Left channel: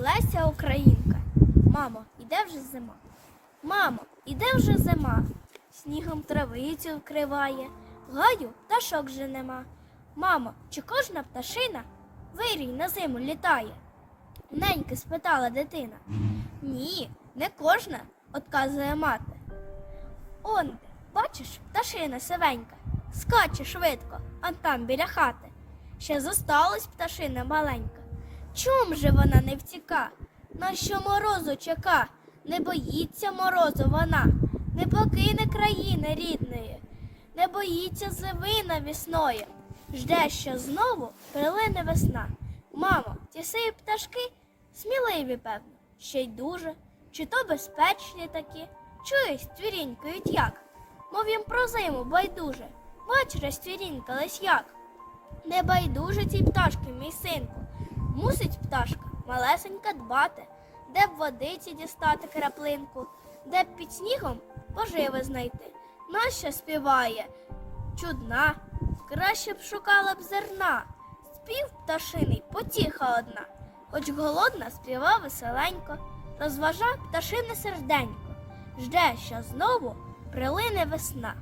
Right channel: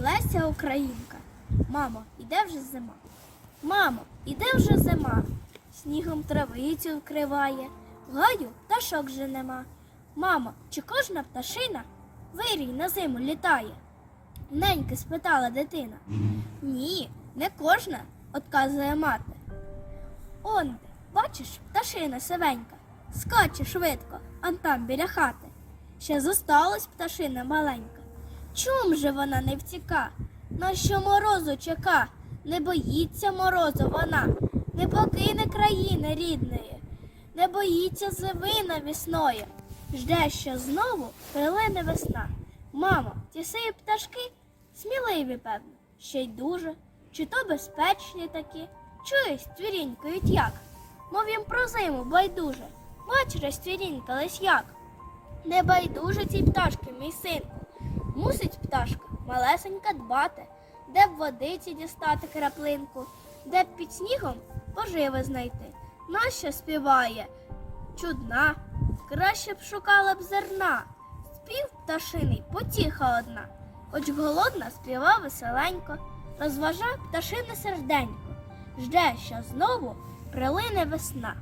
Леся Українка. Мамо, іде вже зима. Мамо, іде вже зима. Снігом травицю вкриває, в гаю пташок вже нема. Мамо, чи кожна пташина вирій на зиму літає? Неньки спитала дитина. Ні, не кожна, отказує мати. Он, бачиш, пташина сивенька, скаче швидко, он там біля хати. Ще зосталась пташина маленька. Чом же вона не втіка? На що морозу чека? Не боїться морозу вона, не покине країни рідної, не боїться зими навісної. Жде, що знову прилине весна. Мамо, ті сиї пташки сміливі, певно, ще й дуже, чи то безпечні такі. Чуєш, твірінькають як? Мов їм про зиму байдуже. Бач, розтвірінькались як. Не байдуже цій пташки, мій синку. Мусить пташка малесенька дбати, де б водиці дістати краплинку, де б під снігом поживи знайти. Нащо співає? Чудна, краще б шукала б зерна. Спів пташиний потіха одна, хоч голодна співа веселенько, розважав пташине серденько, жде, що знову прилине весна.